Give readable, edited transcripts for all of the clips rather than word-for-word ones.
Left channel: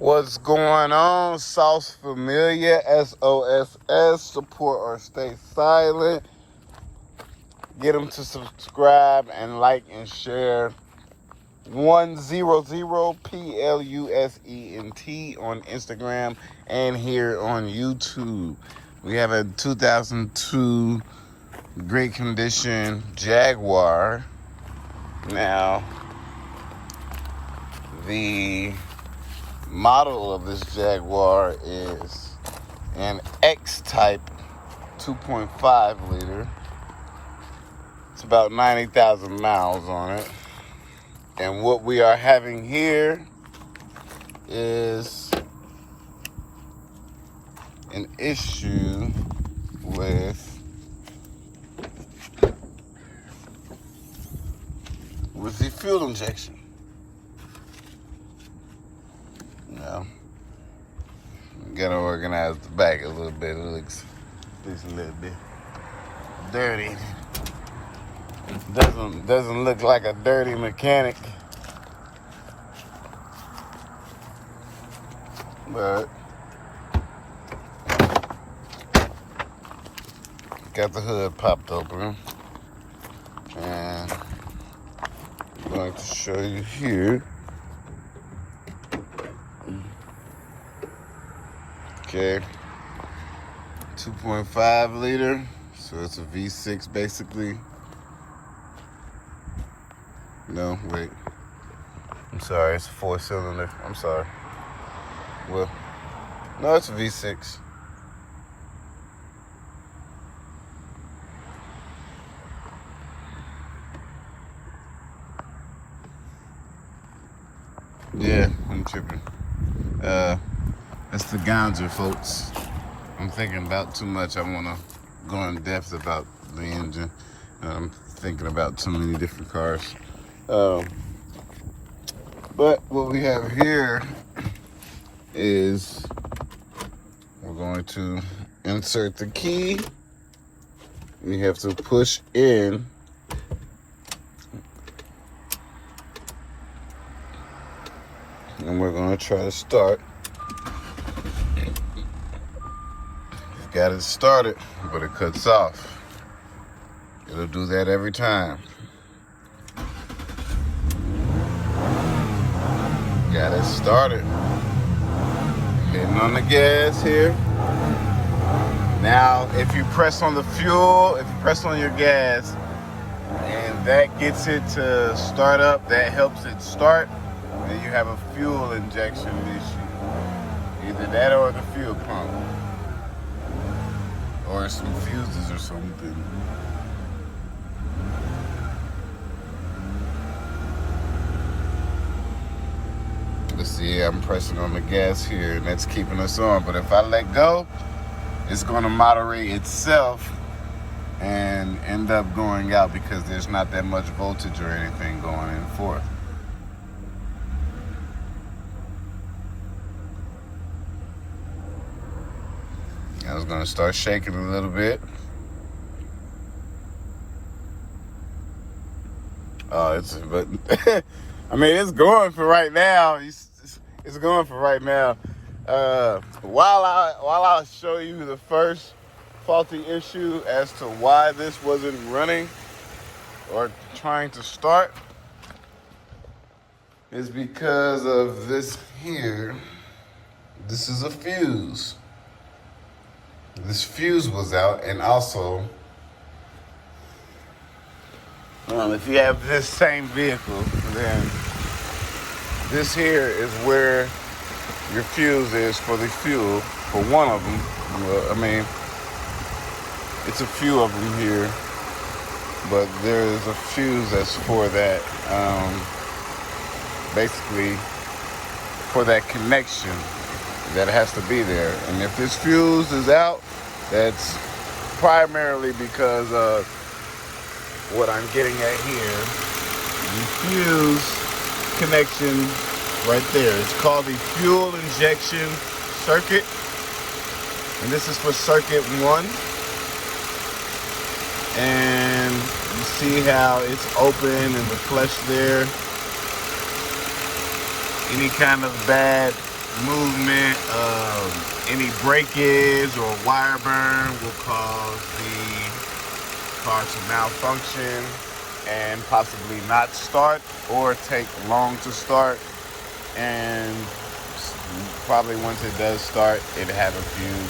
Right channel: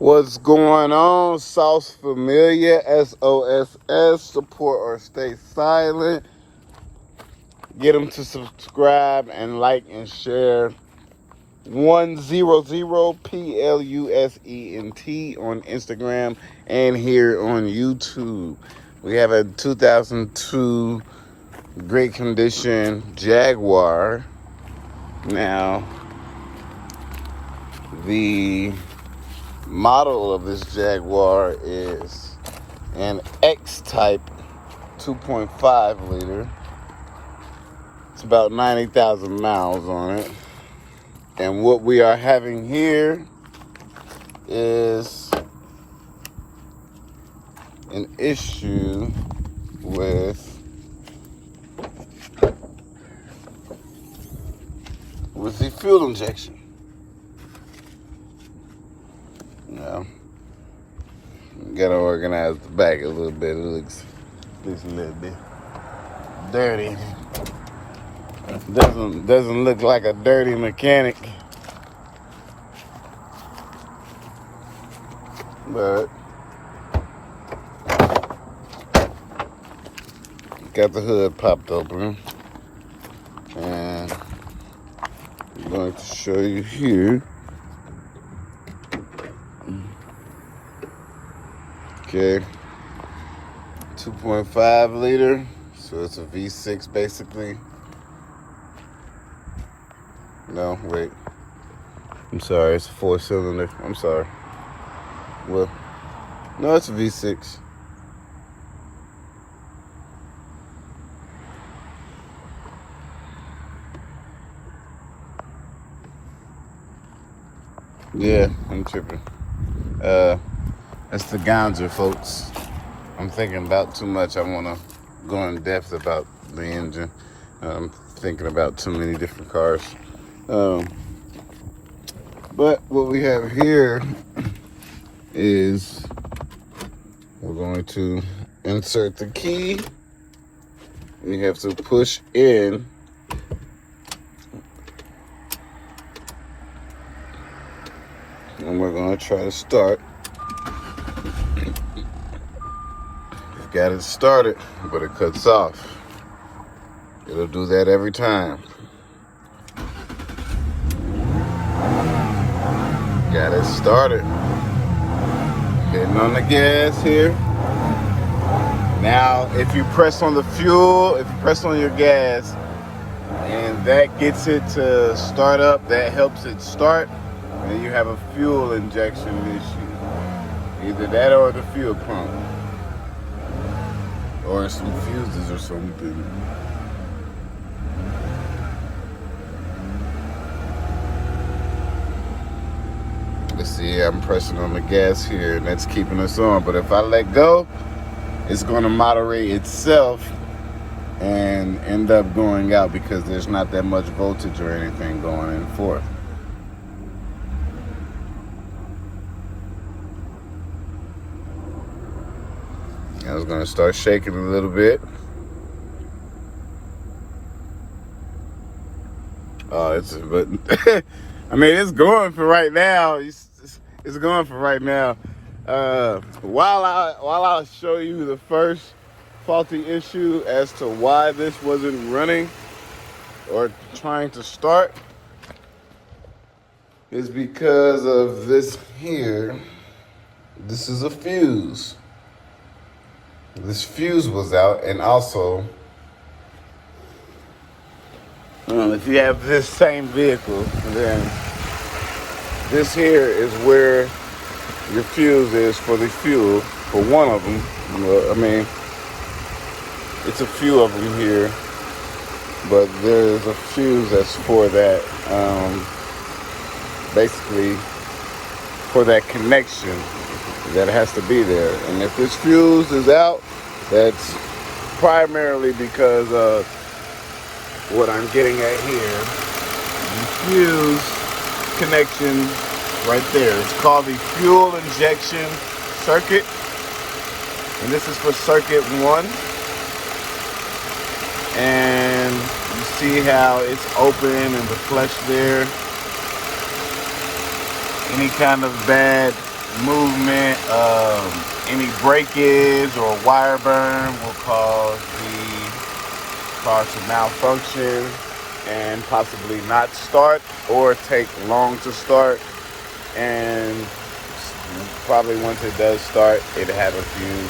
What's going on? Sauce Familiar, SOSS, support or stay silent. Get them to subscribe and like and share. 100 PLUSENT on Instagram and here on YouTube. We have a 2002 great condition Jaguar. Now, the model of this Jaguar is an X-type 2.5 liter. It's about 90,000 miles on it. And what we are having here is an issue with the fuel injection. Yeah. Gotta organize the back a little bit. It looks a little bit dirty. Doesn't look like a dirty mechanic. But got the hood popped open. And I'm going to show you here. Okay, 2.5 liter, so it's a V6 basically. No, wait. I'm sorry, it's a 4-cylinder. I'm sorry. Well, no, it's a V6. Yeah, I'm tripping. That's the gouger, folks. I'm thinking about too much. I want to go in depth about the engine. I'm thinking about too many different cars. But what we have here is we're going to insert the key. We have to push in. And we're going to try to start. Got it started, but it cuts off. It'll do that every time. Got it started. Hitting on the gas here. Now, if you press on the fuel, if you press on your gas, and that gets it to start up, that helps it start, then you have a fuel injection issue. Either that or the fuel pump. Or some fuses or something. Let's see, I'm pressing on the gas here and that's keeping us on. But if I let go, it's gonna moderate itself and end up going out because there's not that much voltage or anything going in for it. I was gonna start shaking a little bit. But I mean, it's going for right now. It's going for right now. While I'll show you the first faulty issue as to why this wasn't running or trying to start, is because of this here. This is a fuse. This fuse was out, and also, if you have this same vehicle, then this here is where your fuse is for the fuel, for one of them. I mean, it's a few of them here, but there is a fuse that's for that, basically for that connection that has to be there. And if this fuse is out, that's primarily because of what I'm getting at here. The fuse connection right there. It's called the fuel injection circuit. And this is for circuit 1. And you see how it's open and the flush there. Any kind of bad movement, any breakage or wire burn will cause the car to malfunction and possibly not start or take long to start. And probably once it does start, it'll have a few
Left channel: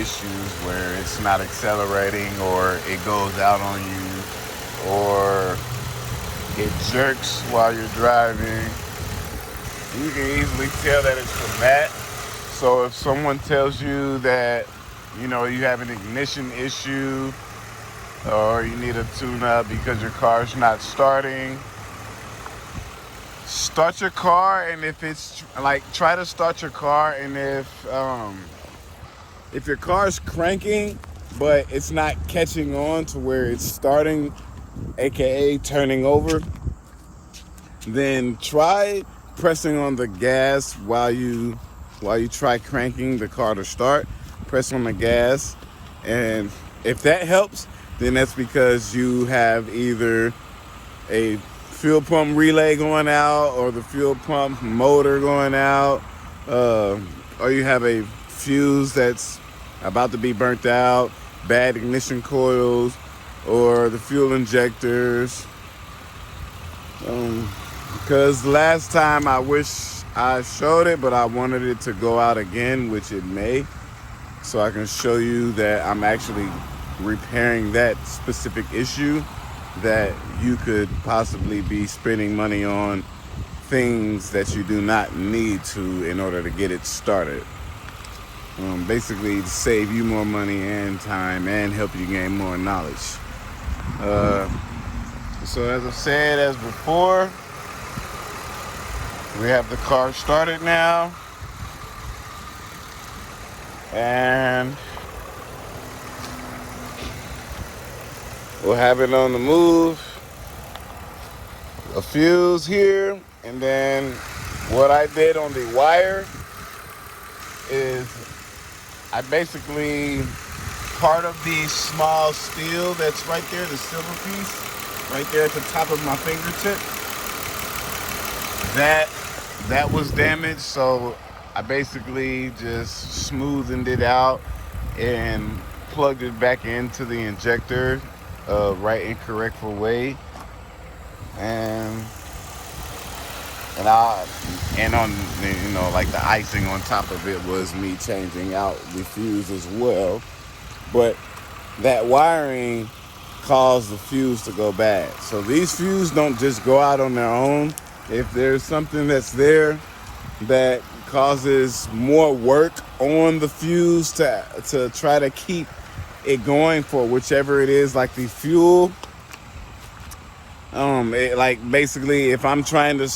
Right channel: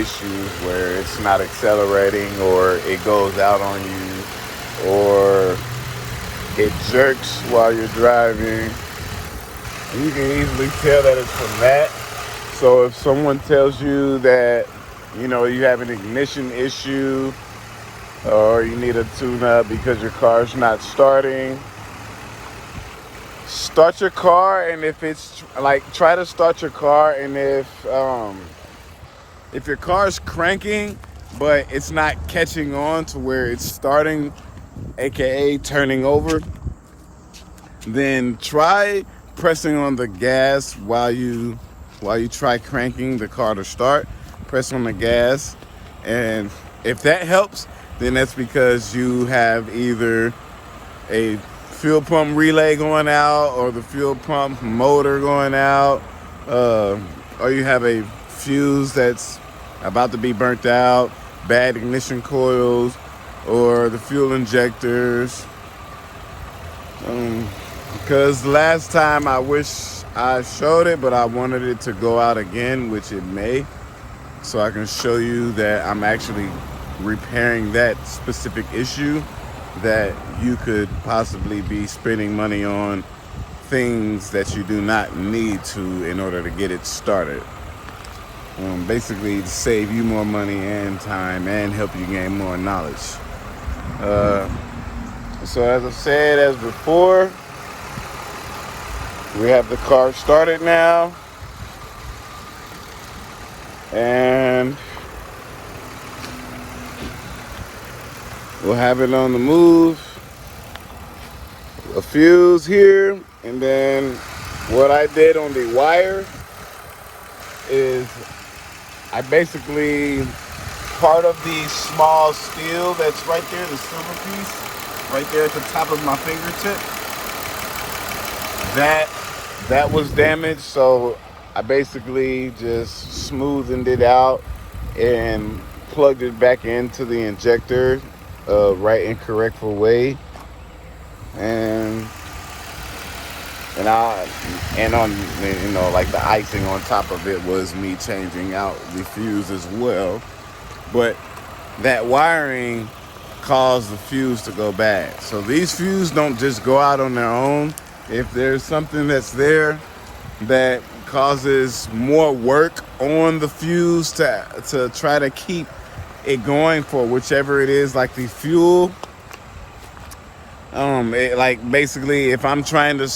issues where it's not accelerating, or it goes out on you, or it jerks while you're driving. You can easily tell that it's from that. So if someone tells you that, you know, you have an ignition issue or you need a tune-up because your car's not starting, start your car, and if it's like, try to start your car, and if your car's cranking but it's not catching on to where it's starting, aka turning over, then try pressing on the gas while you try cranking the car to start. Press on the gas, and if that helps, then that's because you have either a fuel pump relay going out, or the fuel pump motor going out, or you have a fuse that's about to be burnt out, bad ignition coils, or the fuel injectors. Because last time I wish I showed it, but I wanted it to go out again, which it may, so I can show you that I'm actually repairing that specific issue, that you could possibly be spending money on things that you do not need to in order to get it started. Basically to save you more money and time and help you gain more knowledge. So as I've said as before, we have the car started now, and we'll have it on the move. A fuse here, and then what I did on the wire is I basically, part of the small steel that's right there, the silver piece, right there at the top of my fingertip, that was damaged, so I basically just smoothened it out and plugged it back into the injector right and correct way, and on, you know, like the icing on top of it was me changing out the fuse as well. But that wiring caused the fuse to go bad. So these fuses don't just go out on their own. If there's something that's there that causes more work on the fuse to try to keep it going for whichever it is, like the fuel, like basically if I'm trying to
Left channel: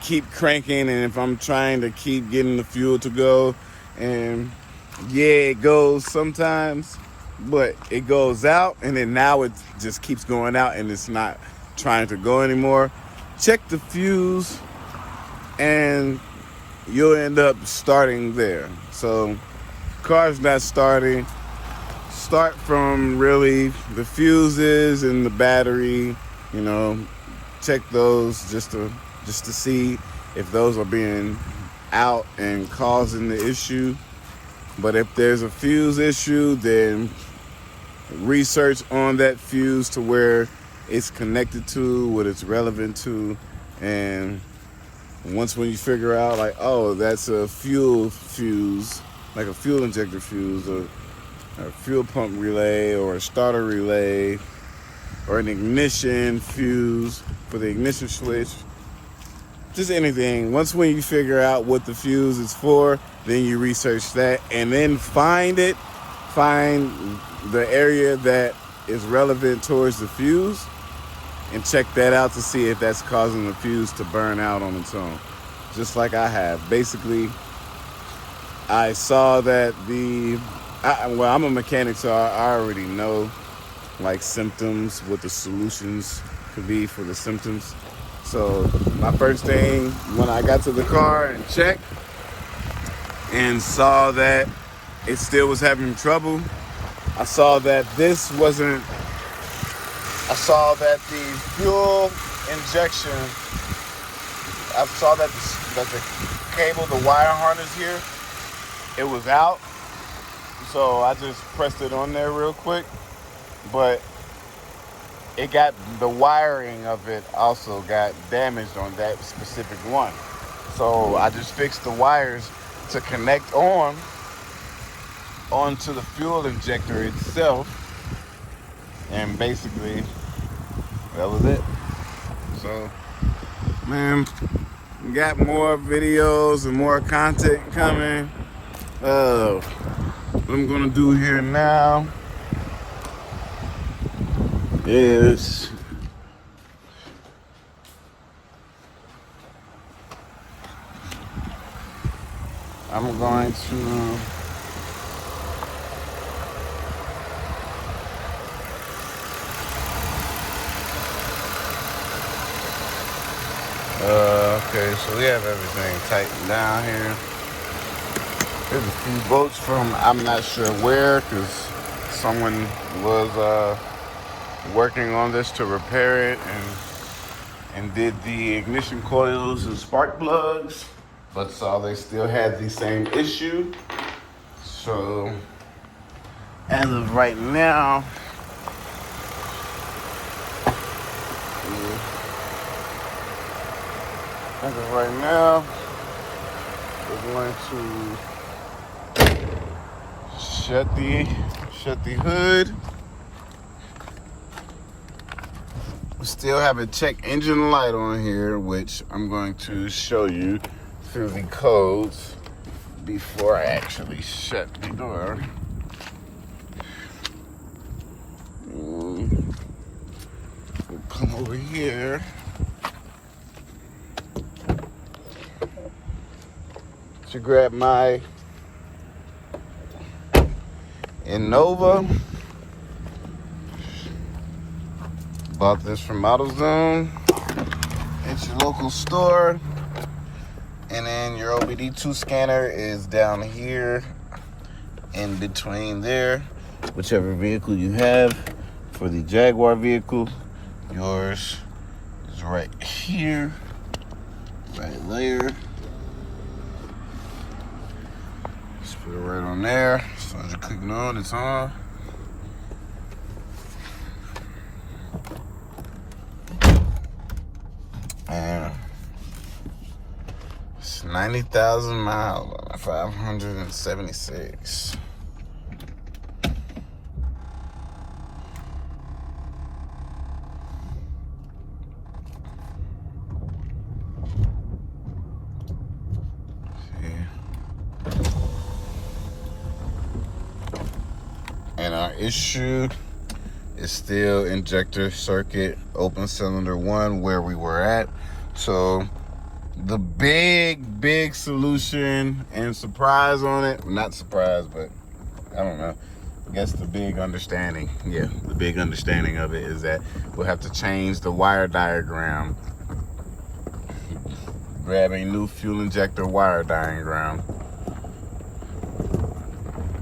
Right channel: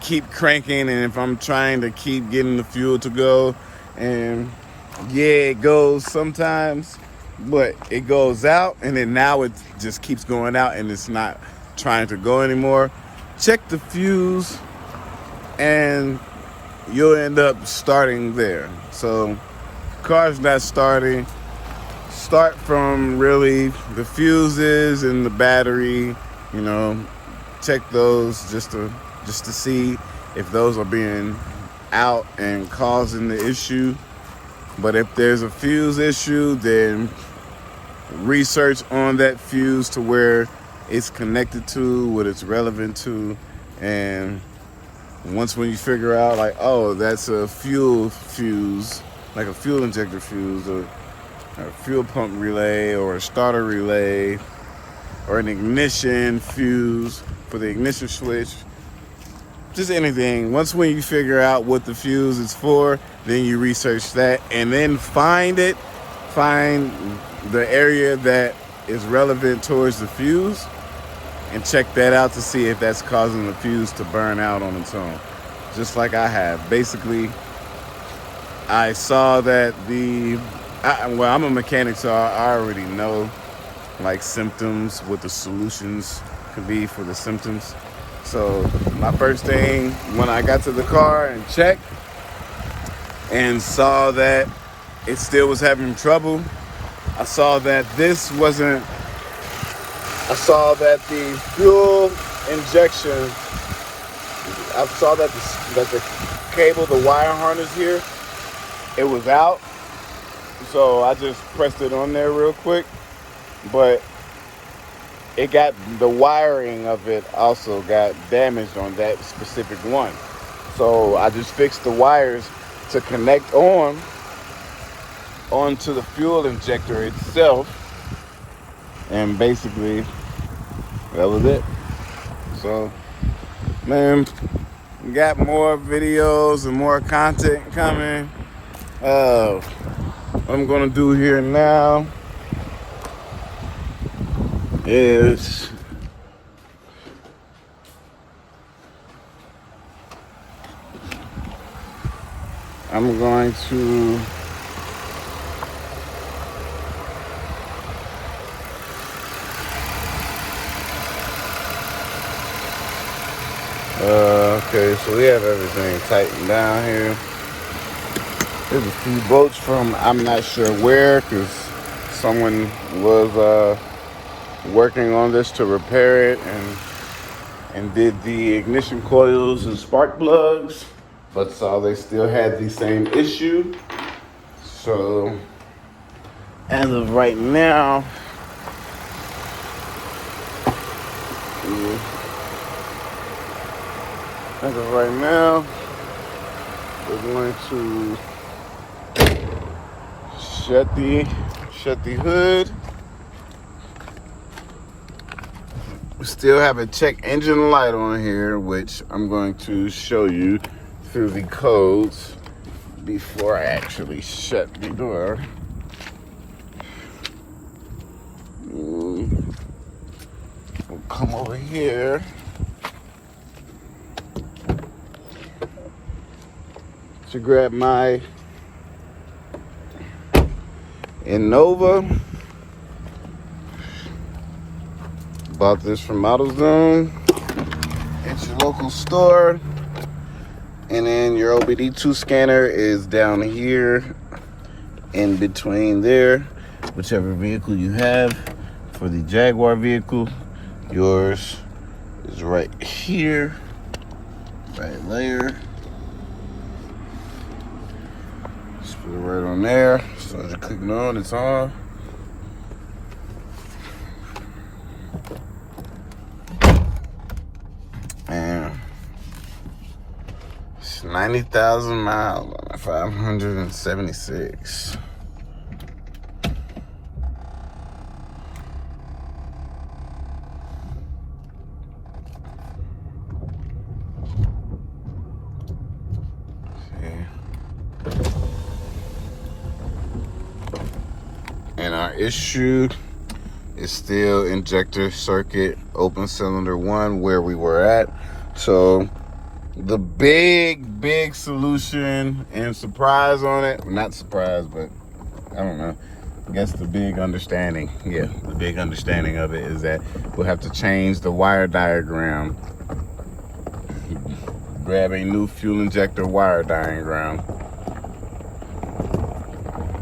keep cranking, and if I'm trying to keep getting the fuel to go, and yeah, it goes sometimes, but it goes out, and then now it just keeps going out and it's not trying to go anymore, check the fuse and you'll end up starting there. So car's not starting, start from really the fuses and the battery, you know, check those just to see if those are being out and causing the issue. But if there's a fuse issue, then research on that fuse to where it's connected to, what it's relevant to, and once when you figure out, like, oh, that's a fuel fuse, like a fuel injector fuse, or a fuel pump relay, or a starter relay, or an ignition fuse for the ignition switch, just anything. Once when you figure out what the fuse is for, then you research that, and then find the area that is relevant towards the fuse, and check that out to see if that's causing the fuse to burn out on its own, just like I have. Basically, I saw that well, I'm a mechanic, so I already know like symptoms, what the solutions could be for the symptoms. So my first thing when I got to the car and checked and saw that it still was having trouble, I saw that the fuel injection, I saw that the cable, the wire harness here, it was out. So I just pressed it on there real quick. But it got, the wiring of it also got damaged on that specific one. So I just fixed the wires to connect onto the fuel injector itself. And basically, that was it. So, man, we got more videos and more content coming. What I'm gonna do here now is I'm going to okay, so we have everything tightened down here. There's a few bolts from I'm not sure where, because someone was working on this to repair it and did the ignition coils and spark plugs, but so they still had the same issue. So as of right now, we're going to shut the hood. We still have a check engine light on here, which I'm going to show you through the codes before I actually shut the door. We'll come over here. To grab my Innova. Bought this from AutoZone. It's your local store. And then your OBD2 scanner is down here in between there. Whichever vehicle you have. For the Jaguar vehicle, yours is right here, right there. Screw right on there. So as you're clicking on, it's on. And it's 90,000 miles on it, 576. And our issue is still injector circuit open cylinder 1 where we were at. So the big solution and surprise on it, not surprise, but I don't know, I guess the big understanding, the big understanding of it is that we'll have to change the wire diagram. Grab a new fuel injector wire diagram.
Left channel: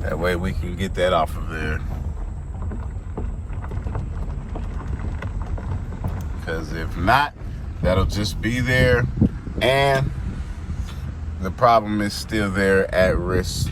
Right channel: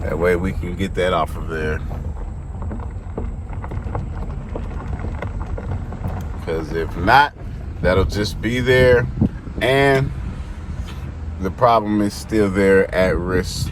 That way we can get that off of there. Because if not, that'll just be there and the problem is still there at risk.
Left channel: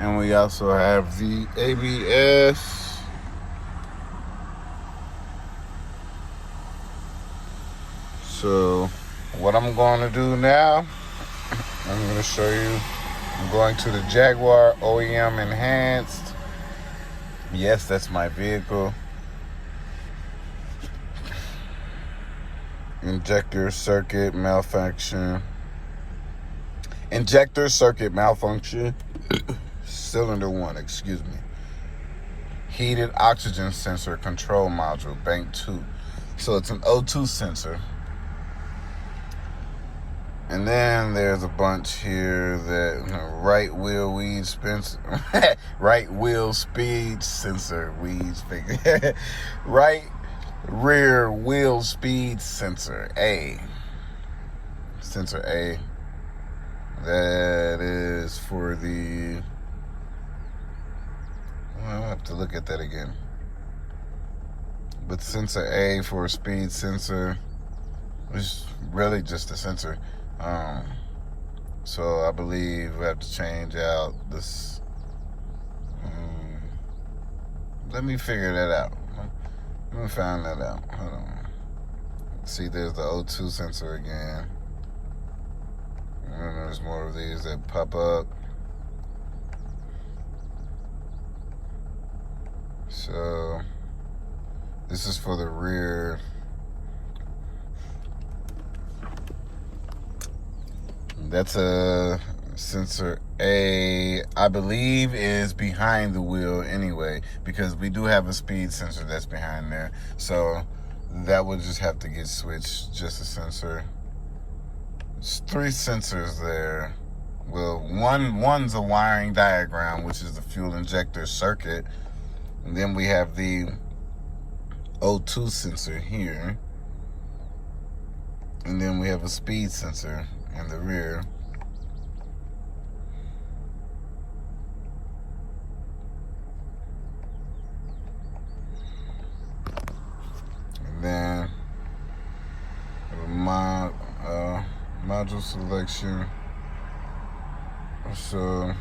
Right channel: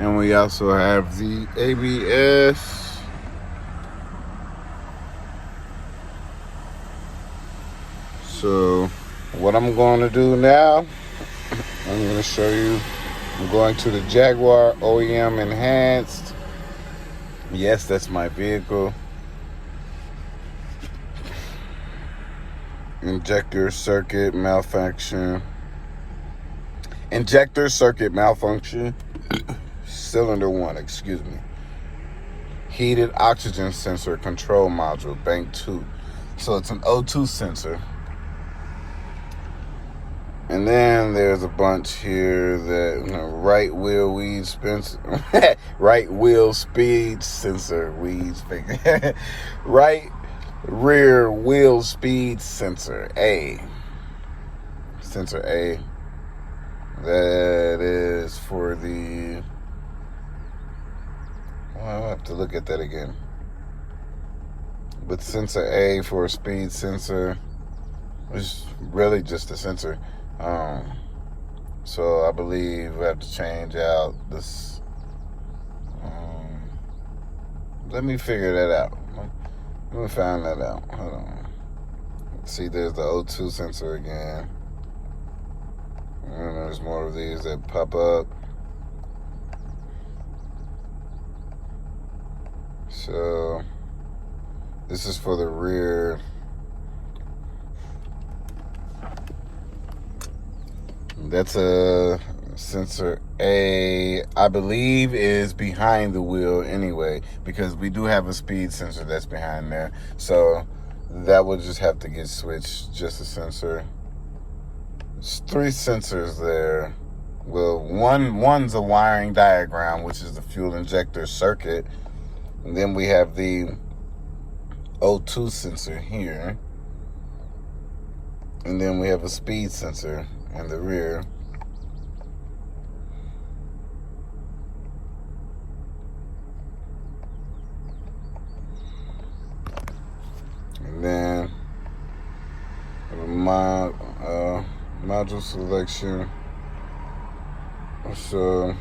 And we also have the ABS. So what I'm going to do now, I'm going to show you. I'm going to the Jaguar OEM Enhanced. Yes, that's my vehicle. Injector circuit malfunction. Cylinder 1, excuse me. Heated oxygen sensor control module, bank 2. So it's an O2 sensor. And then there's a bunch here that, you know, right wheel weed sensor, right wheel speed sensor, right rear wheel speed sensor A. Sensor A. That is for the, I'll have to look at that again. But sensor A for a speed sensor is really just a sensor. So I believe we have to change out this. Let me figure that out. Let me find that out. Hold on. See, there's the O2 sensor again. And there's more of these that pop up. So this is for the rear. That's a sensor A, I believe is behind the wheel anyway, because we do have a speed sensor that's behind there. So that would just have to get switched, just a sensor. There's 3 sensors there. Well, one's a wiring diagram, which is the fuel injector circuit. And then we have the O2 sensor here. And then we have a speed sensor in the rear. And then my module selection. So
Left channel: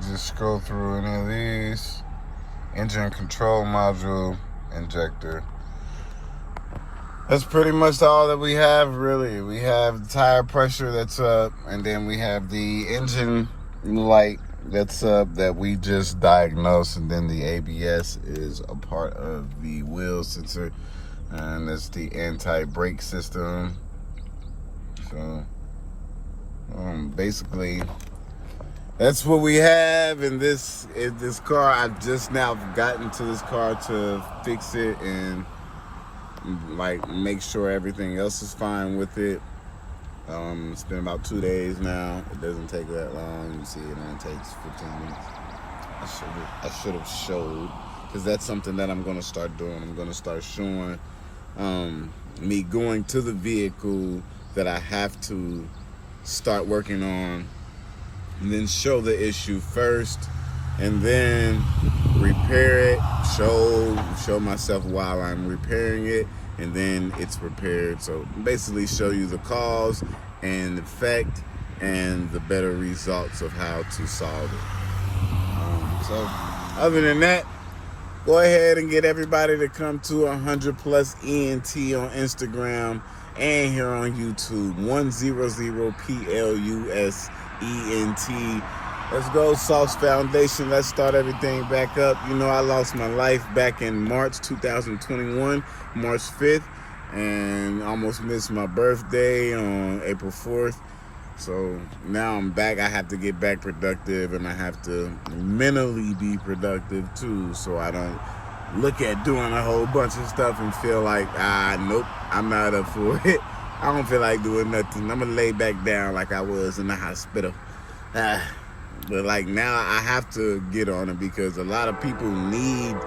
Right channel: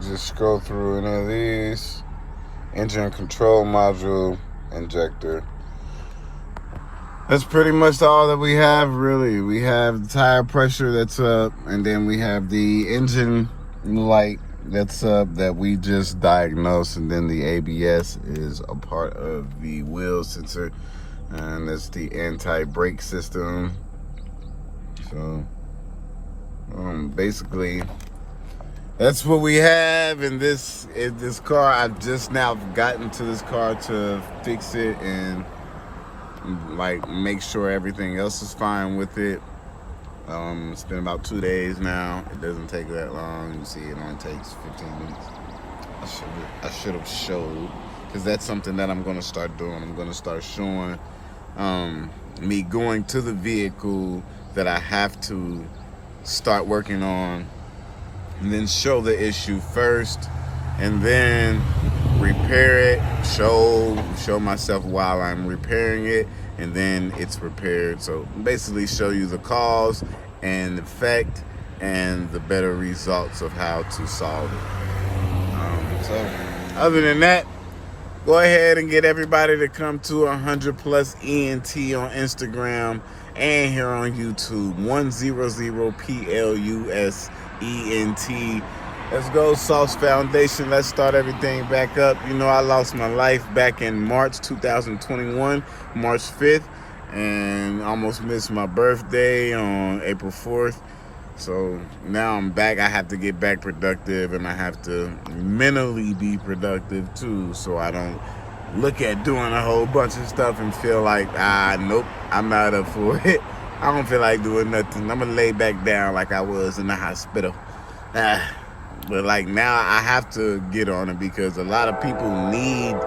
just scroll through any of these. Engine control module injector. That's pretty much all that we have, really. We have the tire pressure that's up, and then we have the engine light that's up that we just diagnosed, and then the ABS is a part of the wheel sensor, and that's the anti-brake system. So basically that's what we have in this car. I've just now gotten to this car to fix it and like make sure everything else is fine with it. It's been about 2 days now. It doesn't take that long. You see, it only takes 15 minutes. I should have showed, because that's something that I'm gonna start doing. I'm gonna start showing me going to the vehicle that I have to start working on, and then show the issue first, and then repair it, show myself while I'm repairing it, and then it's repaired. So basically show you the cause and effect and the better results of how to solve it. So other than that, go ahead and get everybody to come to 100+ ENT on Instagram and here on YouTube, 100+ ENT. Let's go, Sauce Foundation. Let's start everything back up. You know, I lost my life back in March 2021, March 5th, and almost missed my birthday on April 4th. So now I'm back. I have to get back productive, and I have to mentally be productive too, so I don't look at doing a whole bunch of stuff and feel like, nope, I'm not up for it. I don't feel like doing nothing. I'm gonna lay back down like I was in the hospital. But like now I have to get on it, because a lot of people need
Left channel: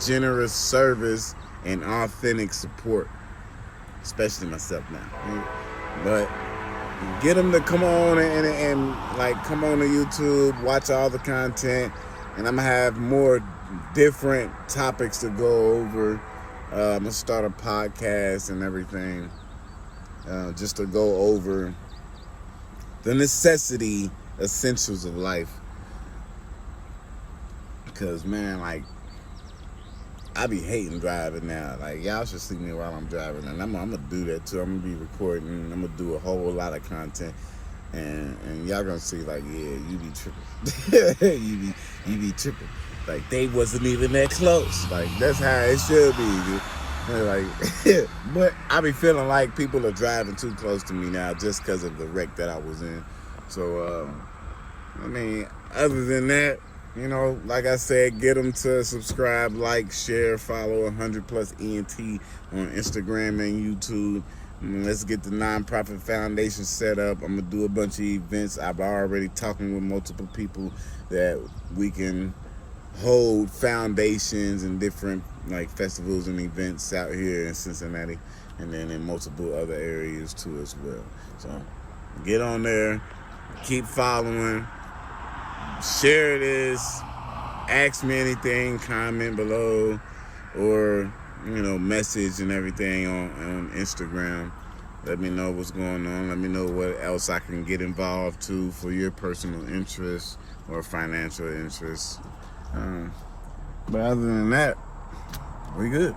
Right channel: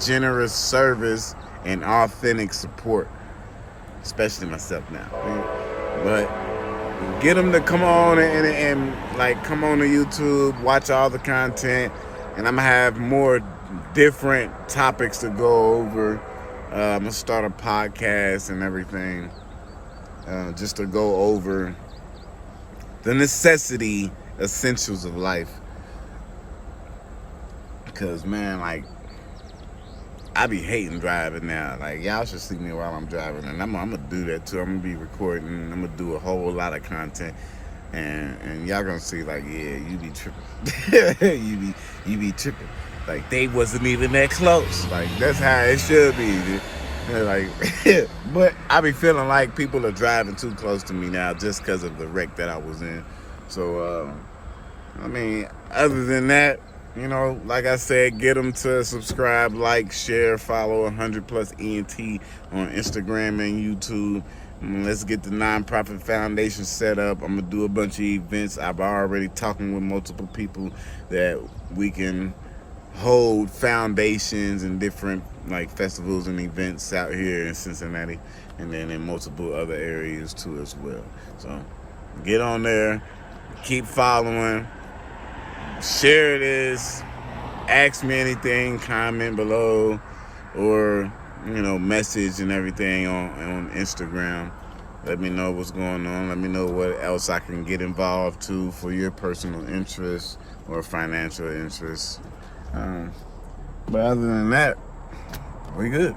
generous service and authentic support, especially myself now. But get them to come on and like come on to YouTube, watch all the content, and I'm gonna have more different topics to go over. I'm gonna start a podcast and everything, just to go over the essentials of life. Because man, like, I be hating driving now. Like, y'all should see me while I'm driving, and I'm gonna do that too. I'm gonna be recording, and I'm gonna do a whole lot of content, and y'all gonna see like, yeah, you be tripping. you be tripping. Like, they wasn't even that close. Like, that's how it should be, dude. Like, but I be feeling like people are driving too close to me now just because of the wreck that I was in. So, I mean, other than that, you know, like I said, get them to subscribe, like, share, follow 100+ ENT on Instagram and YouTube. Let's get the nonprofit foundation set up. I'm gonna do a bunch of events. I've already talking with multiple people that we can hold foundations and different like festivals and events out here in Cincinnati, and then in multiple other areas too as well. So get on there, keep following, share this, ask me anything, comment below, or you know, message and everything on Instagram. Let me know what's going on. Let me know what else I can get involved to for your personal interests or financial interests. But other than that, we good.